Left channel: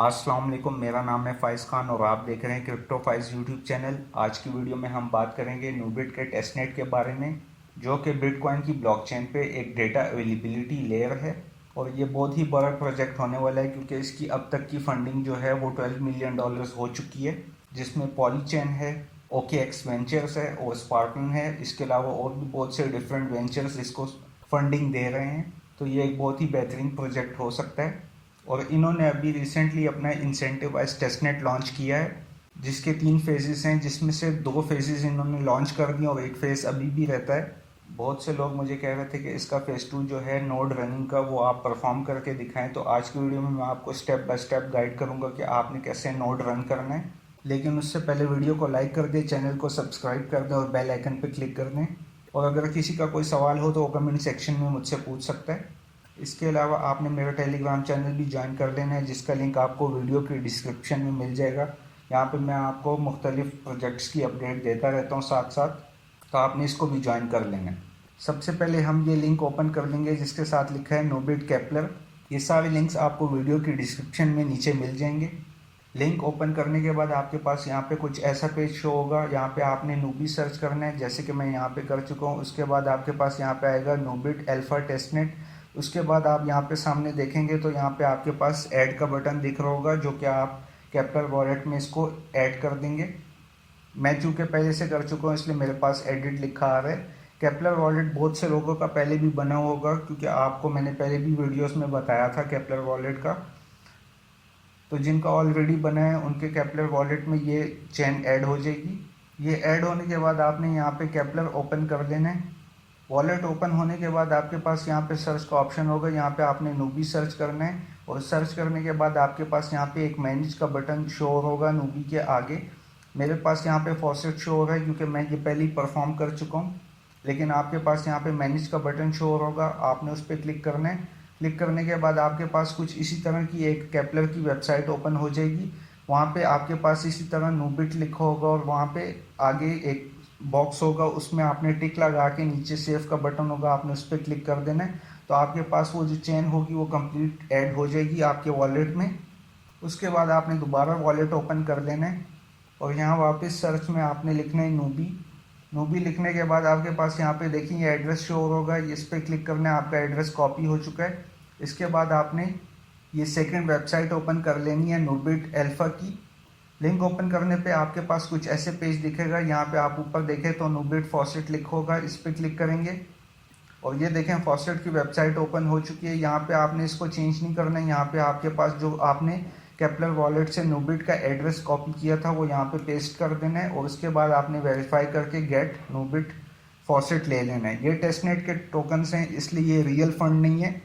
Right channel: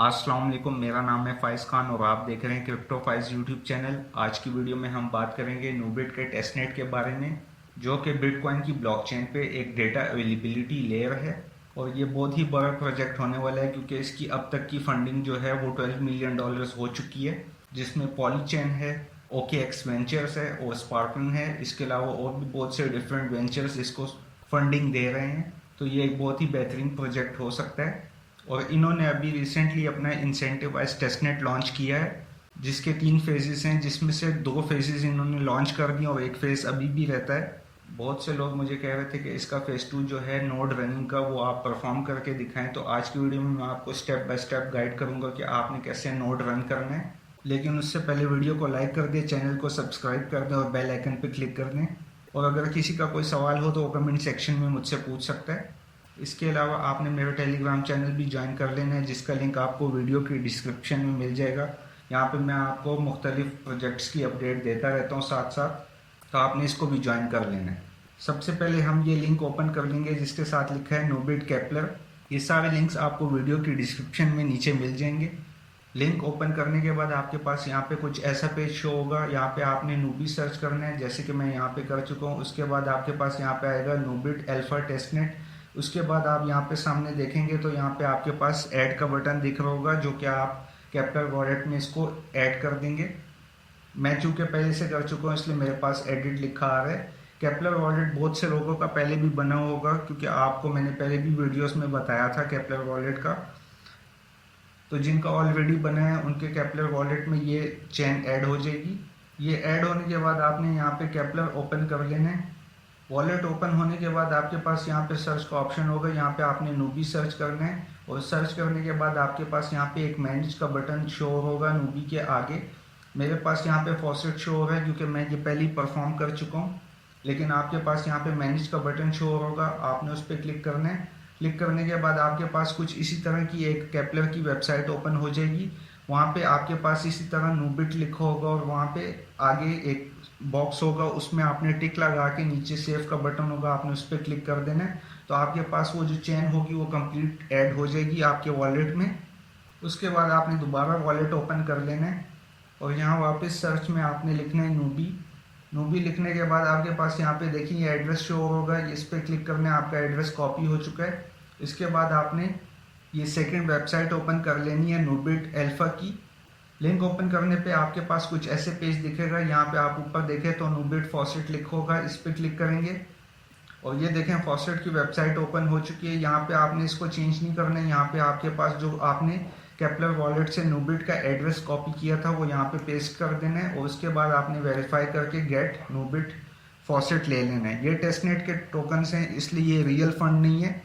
अस्सलाम वालेकुम, मेरा नाम है फ़ाइज़ खान और आप देख रहे हैं क्रिप्टो फाइज़ यूट्यूब चैनल। आज की वीडियो में हम बात करेंगे नूबिट के टेस्टनेट के बारे में, जो कि बिटकॉइन की ब्लॉकचेन पे एक डेटा अवेलेबिलिटी लेयर है। और ये बहुत ही बड़ा प्रोजेक्ट होने वाला है क्योंकि इसकी अब तक की फंडिंग जो है वो $12 मिलियन हो चुकी है, जिसमें पॉलीचेन है, OKX वेंचर्स है और स्पार्कन है। इसके अलावा और भी बहुत से डिफरेंट वेंचर्स इसको फंडिंग दे रहे हैं। तो ये एक बहुत ही बेहतरीन प्रोजेक्ट हो सकता है। और इन्होंने अभी रिसेंटली अपना इंसेंटिवाइज टेस्टनेट लॉन्च किया है, जिसके 3 फेजेस हैं, जिसमें से 2 फेजेस इन्होंने लॉन्च कर दिए और एक फेज अभी भी रहता है। बहुत से लोग मुझे कह रहे थे कि इसका फेज 2 जो है नोड रनिंग का, वो आप परफॉर्म करके दिखाएं। तो आज की वीडियो में मैं आपको स्टेप बाय स्टेप गाइड करूंगा कि आपने कैसे नोड रन करना है। लेकिन उससे पहले वीडियो को लाइक कर दें, चैनल को सब्सक्राइब कर दें और बेल आइकन पर क्लिक कर दें। और अगर किसी का कोई सवाल हो तो वो कमेंट सेक्शन में मुझसे पूछ सकता है। इसके अलावा आपने मेरा टेलीग्राम चैनल भी ज्वाइन कर लेना है, जिसका लिंक आपको वीडियो की डिस्क्रिप्शन में मिल जाएगा। यहाँ पे मैं आपको मुख्तलिफ प्रोजेक्ट्स की अपडेट देता रहता हूँ साथ साथ, तो आपने इसको भी ज्वाइन कर लेना है। सबसे पहले हम ये लिंक ओपन कर लेंगे जिसके साथ लिखा है नोबिट केपलर। ये सारे लिंक्स आपको वीडियो की डिस्क्रिप्शन में नीचे मिल जाएंगे। लिंक ओपन करने के बाद आपके पास यहाँ पे कुछ ऐसा पेज शो होगा। यहाँ पे आपने नूबी सर्च करना है, जैसे कि मैं यहाँ पे कर चुका हूँ। उसके बाद आपके पास यहाँ पे आएगा नोबिट अल्फा टेस्टनेट। उसके बाद आप यहाँ पे सामने देखेंगे तो यहाँ पे आपके पास ऐड का बटन दिख रहा होगा, जो कि आप कैपिटल वॉलेट में इसको ऐड कर देंगे। मैं चूँकि पहले से कर चुका हूँ इसलिए मेरे पास एडिट लिखा आ रहा है। कैपिटल वॉलेट बहुत से लोगों का पहले भी बना होगा, क्योंकि आपको मैंने पहले भी वीडियोस में बताया था कैपिटल वॉलेट का। तो जिनका ऑलरेडी बना है उनके कैपिटल वॉलेट में ये चेन ऐड हो जाएगी। ये ऐड होने के बाद आपने यहाँ पे कैपिटल ओपन कर लेना है। वॉलेट ओपन होने के बाद आपके पास यहाँ पे सर्च का ऑप्शन होगा। यहाँ पे आपने नूबी सर्च करना है और सर्च करने के बाद आपके पास यहाँ पे एक मैनेज का बटन शो होगा नूबी के आगे। मेरे पास यहाँ पे फॉसेट शो हो रहा है क्योंकि मैं ये पहले ही परफॉर्म कर चुका हूँ। लेकिन आपके पास यहाँ पे मैनेज का बटन शो होगा, आपने उस पर क्लिक करना है। क्लिक करने के बाद आपके पास कुछ इसी तरह की एक केपलर की वेबसाइट ओपन हो जाएगी। वहाँ पे आपके पास इसी तरह नूबिट लिखा होगा और वहाँ पे आगे एक बॉक्स होगा, उसमें आपने टिक लगा के नीचे सेव का बटन होगा, आपने उस पर क्लिक कर देना है। तो आपके पास वो जो चेन होगी वो कंप्लीट ऐड हो जाएगी आपके वॉलेट में। उसके बाद आपने दोबारा वॉलेट ओपन कर लेना है और यहाँ वापस सर्च में आपने लिखना है नूबी। नूबी लिखने के बाद आपके पास यहाँ पे देखिए एड्रेस शो होगा, इस पर क्लिक करना है। आपका एड्रेस कॉपी हो चुका है। इसके बाद आपने ये सेकंड वेबसाइट ओपन कर लेनी है नूबिट अल्फा की। लिंक ओपन करने पे आपके पास कुछ ऐसे पेज दिखेगा। यहाँ पे आप ऊपर देखें तो नूबिट फॉसेट लिखा होगा, इस पर क्लिक करेंगे और ये देखें फॉसेट की वेबसाइट ओपन हो चुकी है। यहाँ पे आपने इसको चेंज नहीं करना है। यहाँ पे आपके पास जो आपने केपलर वॉलेट से नूबिट का एड्रेस कॉपी किया था वो यहाँ पे पेस्ट कर देना है और उसके बाद आपने वेरीफाई करके गेट नूबिट फॉसेट ले लेना है। ये टेस्टनेट के टोकन्स हैं, इसलिए ये रियल फंड नहीं है।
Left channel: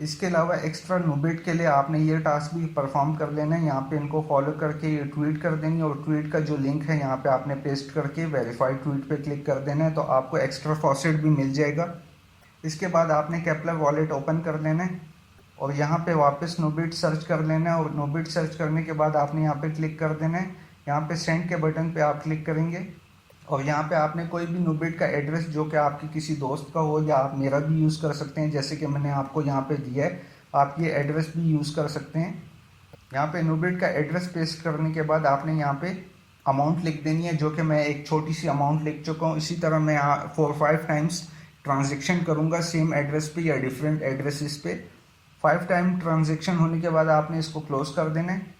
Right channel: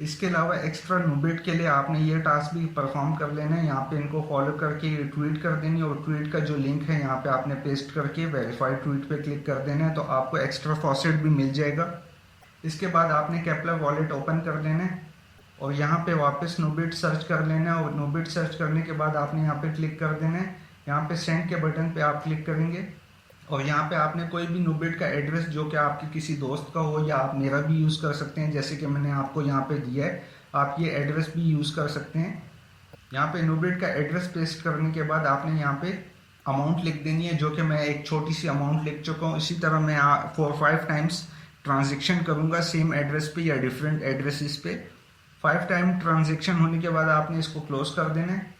इसके अलावा एक्स्ट्रा नूबिट के लिए आपने ये टास्क भी परफॉर्म कर लेना है। यहाँ पे इनको फॉलो करके ट्वीट कर देनी है और ट्वीट का जो लिंक है यहाँ पे आपने पेस्ट करके वेरीफाइड ट्वीट पे क्लिक कर देना है, तो आपको एक्स्ट्रा फॉसेट भी मिल जाएगा। इसके बाद आपने केपलर वॉलेट ओपन कर लेना है और यहाँ पे वापस नूबिट सर्च कर लेना है और नूबिट सर्च करने के बाद आपने यहाँ पे क्लिक कर देना है। यहाँ पे सेंड के बटन पे आप क्लिक करेंगे और यहाँ पे आपने कोई भी नूबिट का एड्रेस जो कि आपके किसी दोस्त का हो या आप मेरा भी यूज़ कर सकते हैं, जैसे कि मैंने आपको यहाँ पे दिया है, आप ये एड्रेस भी यूज़ कर सकते हैं। यहाँ पे नूबिट का एड्रेस पेस्ट करने के बाद आपने यहाँ पे अमाउंट लिख देनी है, जो कि मैं एक छोटी सी अमाउंट लिख चुका हूँ। इसी तरह मैं 4-5 टाइम्स ट्रांजेक्शन करूँगा सेम एड्रेस पे या डिफरेंट एड्रेसेस पे। 5 टाइम ट्रांजेक्शन होने के बाद आपने इसको क्लोज कर देना है।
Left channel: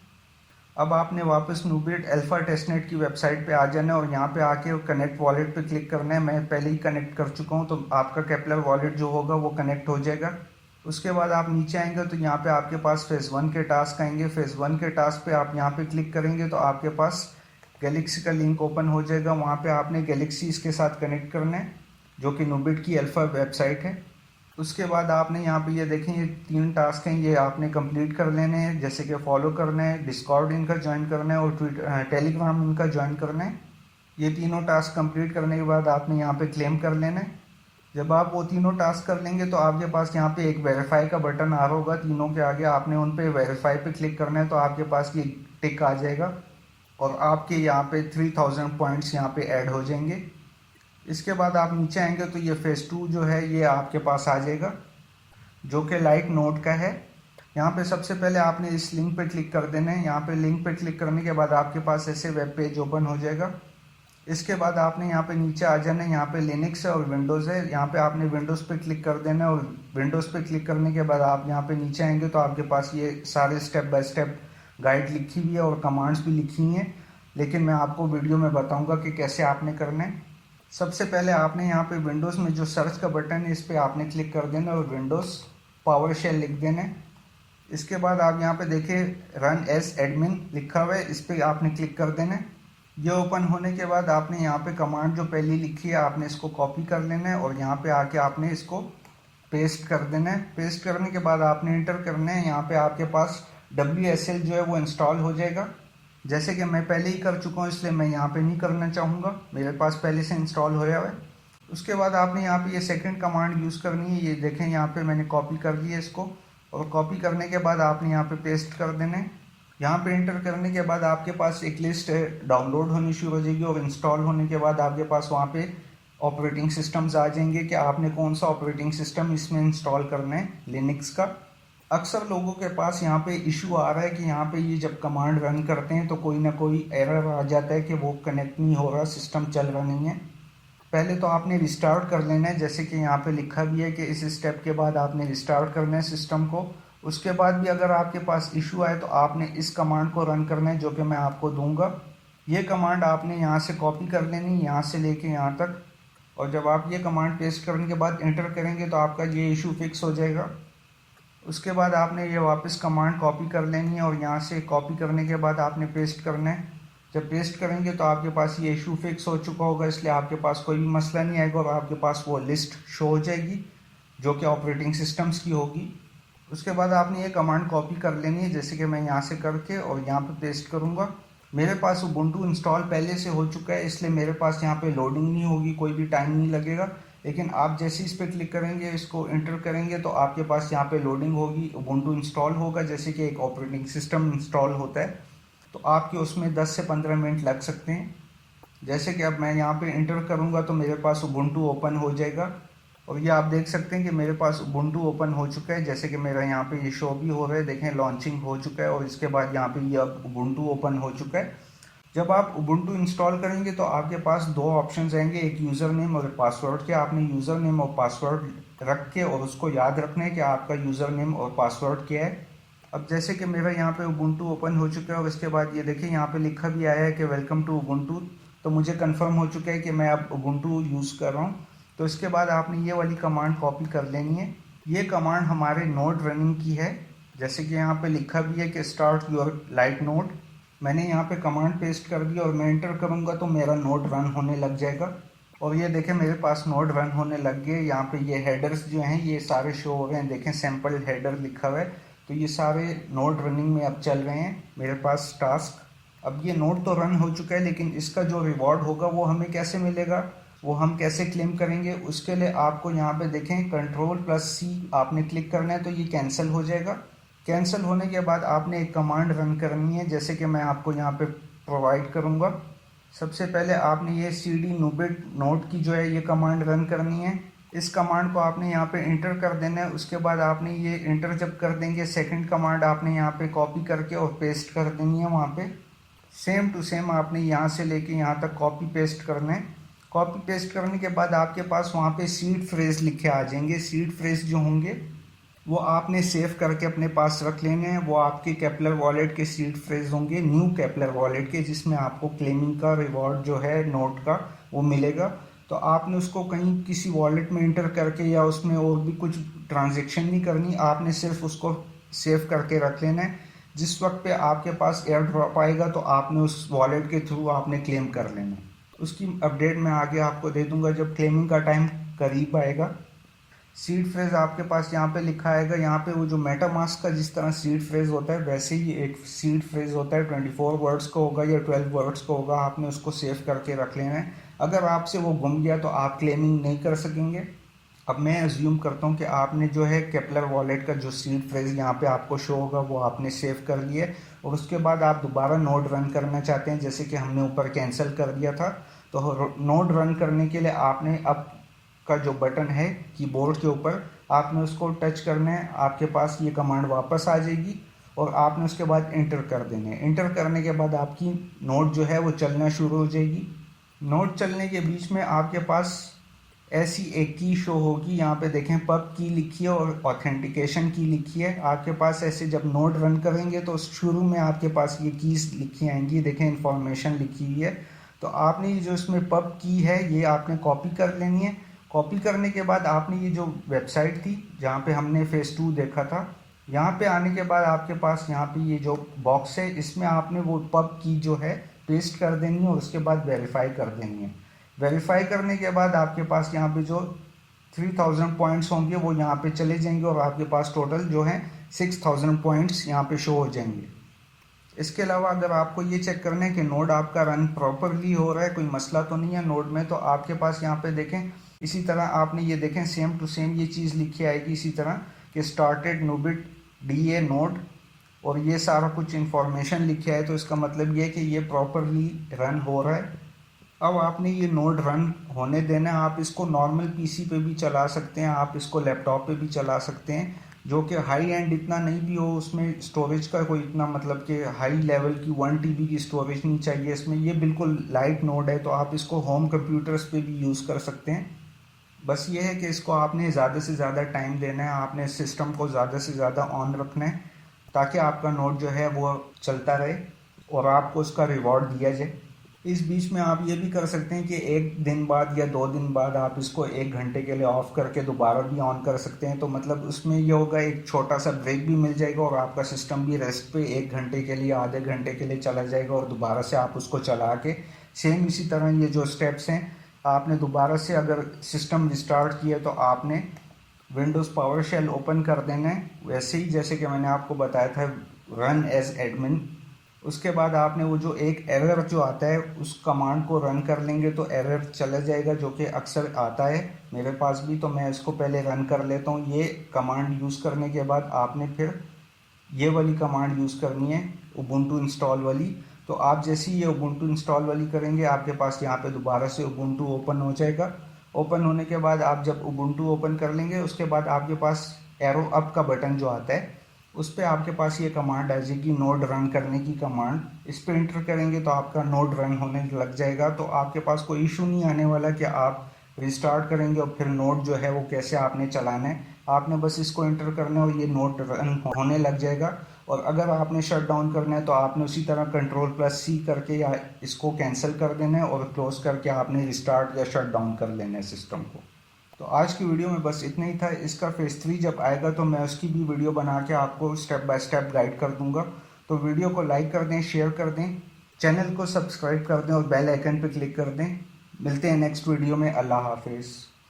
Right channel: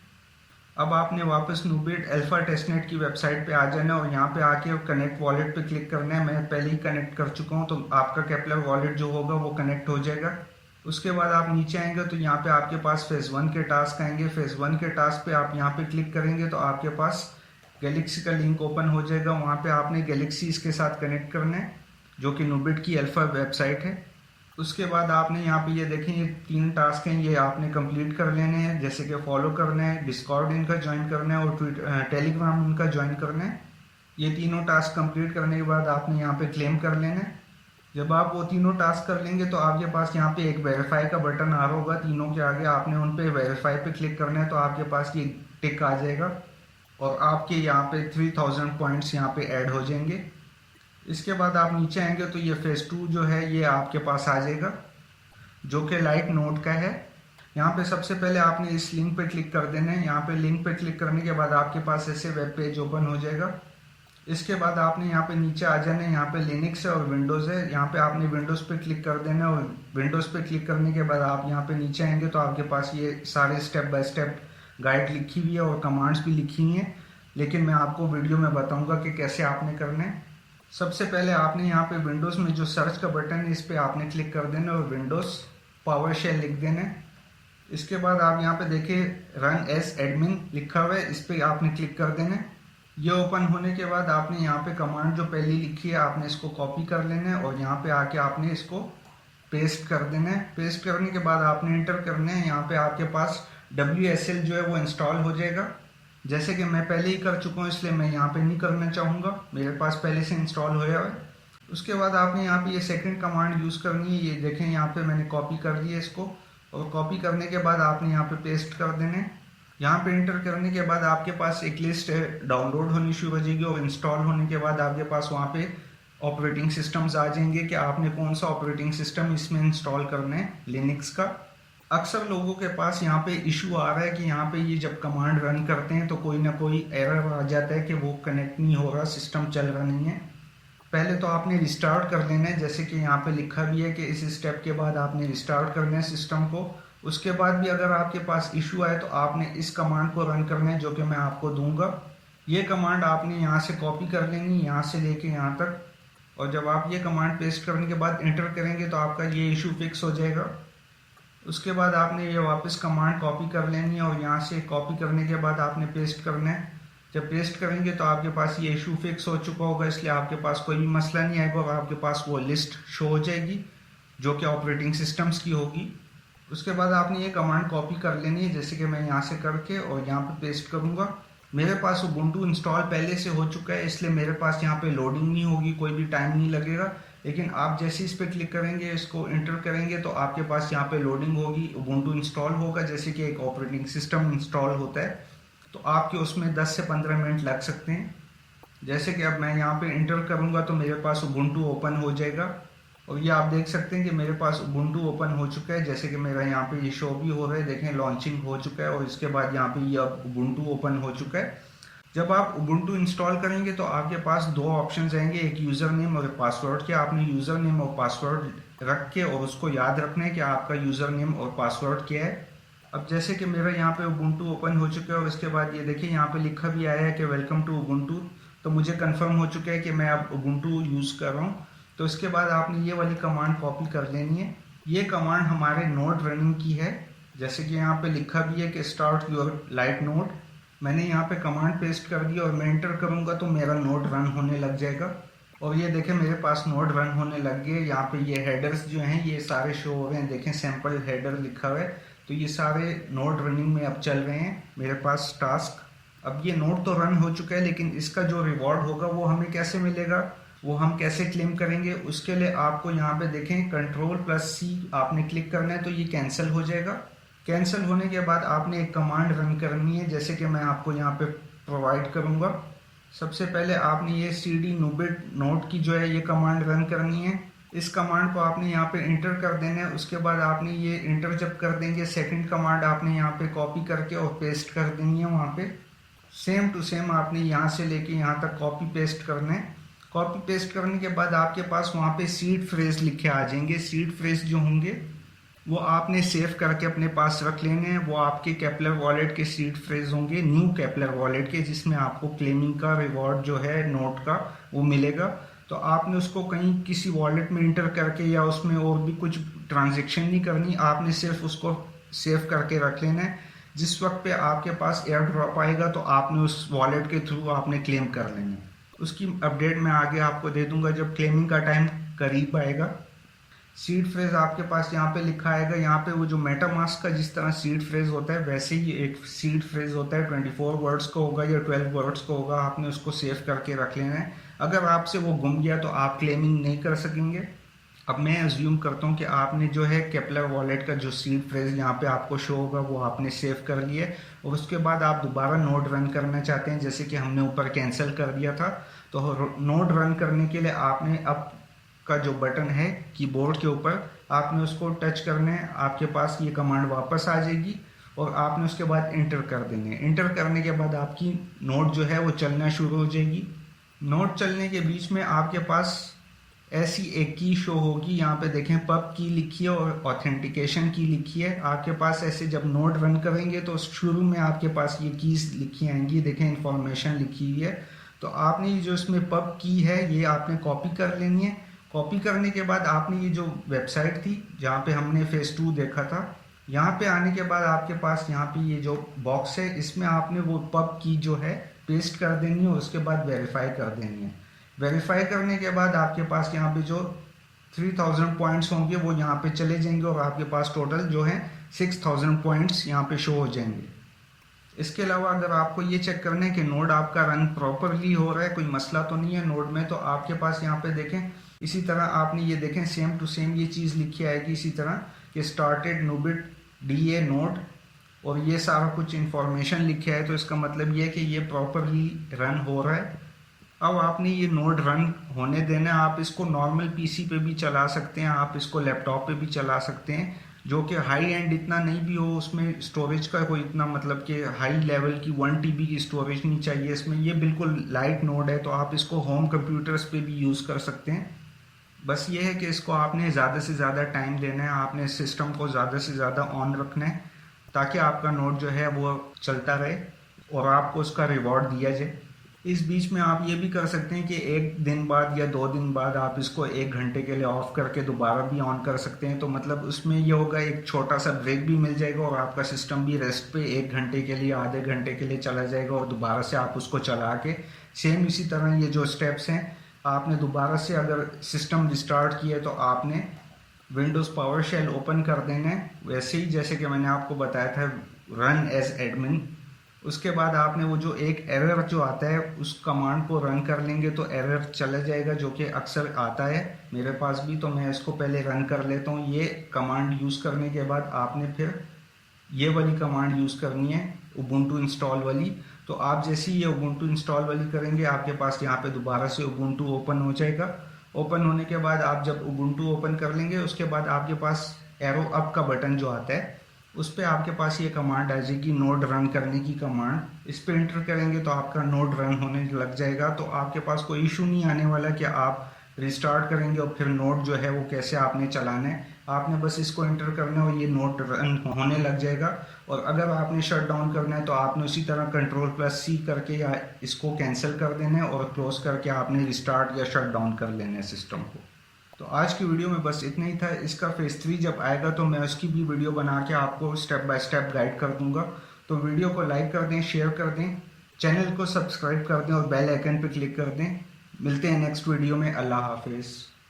अब आपने वापस नूबिट अल्फा टेस्टनेट की वेबसाइट पे आ जाना है और यहाँ पे आके कनेक्ट वॉलेट पे क्लिक करना है। मैं पहले ही कनेक्ट कर चुका हूँ, तो आपका केपलर वॉलेट जो होगा वो कनेक्ट हो जाएगा। उसके बाद आप नीचे आएंगे तो यहाँ पे आपके पास फेज़ 1 के टास्क आएंगे। फेज़ 1 के टास्क पे आप यहाँ पे क्लिक करेंगे तो आपके पास गैलेक्सी का लिंक ओपन हो जाएगा। वहाँ पे आपने गैलेक्सी इसके साथ कनेक्ट करना है, जो कि नूबिट की अल्फा वेबसाइट है। उसके बाद आपने यहाँ पे ये देखें, ये 3 टास्क हैं, ये आपने कंप्लीट कर लेने हैं, जैसे कि फॉलो करना है, डिस्कॉर्ड इनका ज्वाइन करना है और टेलीग्राम इनका ज्वाइन करना है। ये तीनों टास्क कंप्लीट करने के बाद आपने यहाँ पे क्लेम कर लेना है। जब आप वो तीनों टास्क कर लेंगे तो आपके पास यहाँ पे एक वेरीफाई का बटन आ रहा होगा तीनों के आगे, आपने उन पे वेरीफाई पे क्लिक करना है, तो आपके पास ये टिक आ जाएगा और आपके यहाँ पे 3000 पॉइंट्स यहाँ पे ऐड हो जाएंगे। इसके बाद आप नीचे आएंगे तो ये फेज़ 2 जो है ये आपके पास आ जाएगा, जो कि लाइट नोड का है। यहाँ पे सबसे पहले आपने इस लिंक पे क्लिक कर देना है। यहाँ पे लिंक पे क्लिक करने के बाद आपके पास ऐसे वेब पेज ओपन हो जाएगा। इसके बाद आपने यहाँ पे नीचे आ जाना है, यहाँ पे लिनक्स है और विंडोज़ है। यहाँ पे आपने विंडोज़ पे क्लिक कर देना है और विंडोज़ पे क्लिक करने के बाद आप यहाँ पे नीचे आएंगे तो आपके पास ये सारे स्टेप बाय स्टेप गाइड लिखी हुई है और कमांड्स भी लिखी हुई हैं, लेकिन मैं आपको वीडियो में बताऊँगा कि कैसे आपने करना है। सबसे पहले आपने यहाँ पे विंडोज़ में जो सर्च का बटन है इस पर आपने क्लिक कर देना और विंडोज़ पावर शेल लिख देना है। इसके बाद आप यहाँ पे देखिए रन एज एडमिन लिखा हुआ है, इस पर आपने क्लिक कर देना है। ये ओपन होने के बाद आपने यहाँ पे कमांड जो पहले लिखी है आपने इसको कॉपी कर लेना है और यहाँ पे आके आपने इसको पेस्ट कर देना है। पेस्ट करने के बाद आपने इंटर करना है। यहाँ पे आपके पास WSL जो है वो इंस्टॉल हो जाएगा। जैसे कि मैं पहले ही कर चुका हूँ इसलिए मैं यहाँ पे नहीं करना चाहूँगा, मेरे पास पहले से इंस्टॉल होया हुआ है। उसके बाद आपने यहाँ पे ये सेकंड कमांड यूज़ करनी है। ये देखें यहाँ पे मैंने कॉपी कर लिया इसको और कॉपी करने के बाद आपने यहाँ पे पेस्ट कर देना है। यहाँ पे इंटर करने के बाद आपके पास एक लिस्ट डाउनलोड होनी शुरू हो जाएगी और इंस्टॉल होने के बाद आपके पास वहाँ पे ऑपरेटिंग सिस्टम्स आ जाएंगे कि आपने कौन सा ऑपरेटिंग सिस्टम इसमें इंस्टॉल करना है लिनक्स का। अक्सर लोगों के पास यहाँ पे इशू आ रहा है कि यहाँ पे ये जब कमांड रन करते हैं तो कोई ना कोई एरर आ जाता है कि वो कनेक्ट नहीं हो रहा, सिस्टम चल रहा नहीं है। पहले तो आपने रिस्टार्ट कर लेना है, जैसे कि यहाँ पे लिखा भी है कि इस स्टेप के बाद आपने रिस्टार्ट करना है सिस्टम को। उसके बाद भी अगर आपके पास इशू आए तो आपने इस कमांड को रन करना है जो कि मैं आपको दूंगा। ये कमांड आपने यहाँ से कॉपी कर लेनी, यहाँ से लेके यहाँ तक, और जब आप ये कमांड पेस्ट करने के बाद एंटर करेंगे तो आपका ये इशू फिक्स हो जाएगा। उसके बाद आपने ये वापस कमांड कॉपी कर लेनी है और यहाँ से कॉपी करने के बाद आपने पेस्ट करना है। जब पेस्ट करेंगे तो आपके पास ये इशू फिक्स हो चुका होगा, इसलिए आपके पास कोई भी मसला नहीं आएगा और आपके पास वो लिस्ट शो हो जाएगी जो कि ऑपरेटिंग सिस्टम्स की होगी। उसके बाद आपने ये कमांड कॉपी कर लेनी है, जैसे कि मैं यहाँ से करके और यहाँ पे पेस्ट करूँगा। मेरे पास उबुंटू इंस्टॉल पहले से हो चुका है, इसलिए मेरे पास यहाँ पे लोडिंग नहीं होगी, कोई भी टाइम नहीं लगेगा। लेकिन आप जैसे इस पर क्लिक करेंगे, इसको इंटर करेंगे तो आपके पास यहाँ पे लोडिंग होगी, उबुंटू इंस्टॉल होगा, जैसे कि एक ऑपरेटिंग सिस्टम इंस्टॉल होता है। तो आपके उसमें 10 से 15 मिनट लग सकते हैं। जैसे कि अब मैं यहाँ पे इंटर करूँगा तो मेरे पास उबुंटू ओपन हो जाएगा और ये आप देख सकते हैं कि मेरे पास उबुंटू ओपन हो चुका है, जैसे कि मेरा यहाँ पे ये शो भी हो रहा है, देखें लॉन्चिंग हो चुका है और इसके बाद यहाँ पे ये अब उबुंटू ओपन हो चुका है। जब आप उबुंटू इंस्टॉल करेंगे तो आपके पास दो ऑप्शंस आएंगे, एक यूज़र नेम और पासवर्ड के। आपने यूज़र नेम और पासवर्ड रख के और उसको याद रखना है कि आपका यूज़र नेम और पासवर्ड क्या है। अब जैसे कि मेरा यहाँ पे उबुंटू ओपन हो चुका है और इसके बाद ये देखिए यहाँ पे लिखा भी आया है कि वेलकम टू उबुंटू, तो मुझे कंफर्म हो चुका है कि मैं अब उबुंटू यूज़ कर रहा हूँ। तो इसके बाद आपने ये वाली कमांड कॉपी कर लेनी है। ये कमांड हमारे नोड रनिंग की है, जैसे कि यहाँ पे लिखा भी है कि स्टार्ट योर लाइट नोड। मैंने यहाँ पे कमांड पेस्ट कर दी और मैं एंटर करूँगा तो मेरा नोड रन होने लग जाएगा। और ये देखें मेरे पास नोड रन होने लग गए। यहाँ पे ये हेडर्स जो हैं ये सारे शो हो रहे हैं, देखें सैम्पल हेडर लिखा हुआ है, तो ये सारे नोड रनिंग में अब चल रहे हैं मेरे पास टास्क। अब ये नोड तो रन हो चुका है, लेकिन इसका जो रिवॉर्ड होगा वो हमें कैसे मिलेगा, वो हम कैसे क्लेम करेंगे, उसके लिए आपको यहाँ पे देखें Ctrl+C आपने क्लिक करना है तो ये कैंसिल हो जाएगा। कैंसिल होने के बाद आपने एक कमांड रन करनी है, जैसे कि मैं आपको यहाँ पे प्रोवाइड करूँगा। सबसे पहले आपने ये cd nubit नोट की जो है ये कमांड रन करनी है। इस कमांड को आपने यहाँ पे इंटर कर देना है। उसके बाद आपने ये इंटर जब कर देंगे, सेकंड कमांड आपने यहाँ पे कॉपी करके और पेस्ट कर देनी है वहाँ पे। सेम टू सेम आपने यहाँ से लेके यहाँ तक कॉपी पेस्ट करना है। कॉपी पेस्ट करने के बाद आपके पास वहाँ पे सीड फ्रेज लिखे आ जाएंगे। सीड फ्रेज जो होंगे वो आपने सेव करके अपने पास रख लेने हैं। वो आपके केपलर वॉलेट के सीड फ्रेज होंगे, न्यू केपलर वॉलेट के, जिसमें आपको क्लेमिंग का रिवॉर्ड जो है नोट का वो मिलेगा। तो आपने उसको कहीं किसी वॉलेट में इंटर करके या उसमें और भी कुछ ट्रांजेक्शन नहीं करनी, आपने सिर्फ उसको सेव करके रख लेना है। जिस वक्त पे आपके पास एयर ड्रॉप आएगा तो आपने उस वॉलेट के थ्रू आपने क्लेम कर लेना है। उसकी अपडेट मैं आगे आपको दे दूंगा जब क्लेमिंग का टाइम करीब आएगा। सीड फ्रेज आपके पास यहाँ पे लिखा आएगा, यहाँ पे वो जो मेटामास्क का जिस तरह सीड फ्रेज होता है वैसे ही एक सीड फ्रेज होता है, 24 वर्ड्स का होगा या 12 वर्ड्स का होगा। आपने उसको सेव करके रख लेना है। अगर आपसे वो गुम गया तो आप क्लेमिंग नहीं कर सकेंगे। अब मैं एज्यूम करता हूँ कि आपने जो है केपलर वॉलेट का जो सीड फ्रेज यहाँ पे आपको शो होगा वो आपने सेव कर लिए और उसके बाद आप दोबारा नोड रन करना चाहते हैं, जैसे कि हमने ऊपर कैंसिल कर दिया था। तो नोड रन करने के लिए आपने अब का जो बटन है कीबोर्ड के ऊपर, आपने उसको टच करना है, आपके पास ये कमांड वापस आ जाएगी और आपने उसके बाद इंटर कर देना है। इंटर करने के बाद आपकी नोट जो है वो चलना शुरू हो जाएगी। नोट चलने के बीच में आपके पास ऐसी एक की शो होगी, यहाँ पे देखें पब की लिखी है और ऑथेंटिकेशन की लिखी है। आपके पास ऐसे जब नोट रन करेंगे तो शुरू में आपके पास ये कीज लिखी आएंगी, देखें इंफॉर्मेशन लिखी हुई है। तो आपने ये जो इसमें पब की है ये आपने कॉपी कर लेनी है। कॉपी करने के बाद आपने ये जो वेबसाइट थी जहाँ पे हमने फेज 2 देखा था, यहाँ पे आने के बाद आपके पास यहाँ पे ये जो बॉक्स है इसमें आपने वो पब की जो है पेस्ट कर देनी है और उसके बाद वेरीफाई कर देनी है। वेरीफाई करने के बाद आपके पास यहाँ पे जो 3000 पॉइंट्स होंगे वो यहाँ पे चले जाएंगे और आपके पास टोटल जो है 6000 पॉइंट्स यहाँ पे शो हो जाएंगे। इसके अलावा अगर आपको ये चेक करना है कि नोड आपका रन प्रॉपरली हो रहा है, कोई मसला तो नहीं है नोड में, तो आपके पास यहाँ पे देखें इसी तरह आपने ये देखें सेम टू सेम ये चीज़ लिखी आएगी इसी तरह कि स्टार्टेड नूबिट DA नोड और ये सारा कुछ इंफॉर्मेशन लिखा है। तो इसका मतलब ये है कि ये प्रॉपरली रन हो रहा है। अब आपने ये नोड रन होने देना है। आप इसको नॉर्मल PC पे भी चला सकते हैं, आप इसको लैपटॉप पे भी चला सकते हैं, जो कि हाई एंड इतना नहीं भी हो, उसमें स्टोरेज का कोई इतना मतलब कि हाई लेवल की 1 TB की स्टोरेज नहीं चाहिए इसमें। ये बिल्कुल लाइट नोड है, तो आप इसको होम कंप्यूटर्स पे भी यूज़ कर सकते हैं। बस ये है कि इसको आपने ज़्यादा से ज़्यादा टाइम देना है, आपने सिस्टम को ज़्यादा से ज़्यादा ऑन रखना है ताकि आपका नोड जो है वो चलता रहे और आपको उसका रिवॉर्ड दिया जाए। इस बीच में आप ये भी कर सकते हैं कि 1 दिन बाद या 2 दिन बाद आप इसको 1 घंटे के लिए ऑफ करके दोबारा भी ऑन कर सकते हैं। तो मतलब उसमें ये होगा, एक छोटा सा ब्रेक भी मिल जाएगा और आपका सिस्टम भी रेस्ट पे 1 घंटे के लिए, आधे घंटे के लिए चला जाएगा और दोबारा से आप उसको चला के सेम इसी तरह ये जो स्टेप्स हैं आपने दोबारा से अगर सिस्टम रिस्टार्ट किया तो आपने विंडोज़ पावर शेल ओपन कर देना है, वैसे ही जैसे कि मैंने आपको बताया था रन एज एडमिन। उसके बाद आपने वो जो एक एरर जो आता है उस कमांड को रन कर लेंगे तो एरर चला जाएगा, जो कि अक्सर आता है मेरे पास भी। तो मैं इसको पहले रन कर लेता हूँ। ये कमांड यूज़ करने के बाद आपने फिर ये वाली कमांड यूज़ करनी है, उबुंटू इंस्टॉल वाली। तो आप जैसे ही ये उबुंटू इंस्टॉल वाली करेंगे आपके पास यहाँ पे दोबारा से उबुंटू ओपन हो जाएगा। ओपन होने के बाद आप जब उबुंटू ओपन कर लेंगे उसके बाद आपके पास एरो अप का बटन जो आता है उस पर आपके पास ये कमांड आ जाएगी, नोड रन करने की कमांड। इस पर इंटर करेंगे तो आपका नोड रन होने लग जाएगा। तो आपके पास कोई इशू नहीं आने वाला कि आप रिस्टार्ट करेंगे और फिर नोड जो है वो कैसे आपने चलाना है। आपने बस इसको एंटर करना है और ये नोड रन होने लग जाएगा। और अगर आपने शट डाउन करना है तो आपने उसी तरह Ctrl+C करके या इसको कैंसिल कर देना है और क्लोज करके आपने रिस्टार्ट या शट डाउन कर लेना है सिस्टम को। तो आज की वीडियो में बस इतना ही था। इसका फेज 3 जब आएगा तो मैं उसकी भी वीडियो बना के आपको स्टेप बाय स्टेप गाइड कर दूंगा। तो वीडियो को लाइक कर दें, शेयर कर दें, चैनल को सब्सक्राइब कर दें और बेल आइकन पर क्लिक कर दें। मिलते हैं नेक्स्ट वीडियो में। अल्लाह हाफिज़।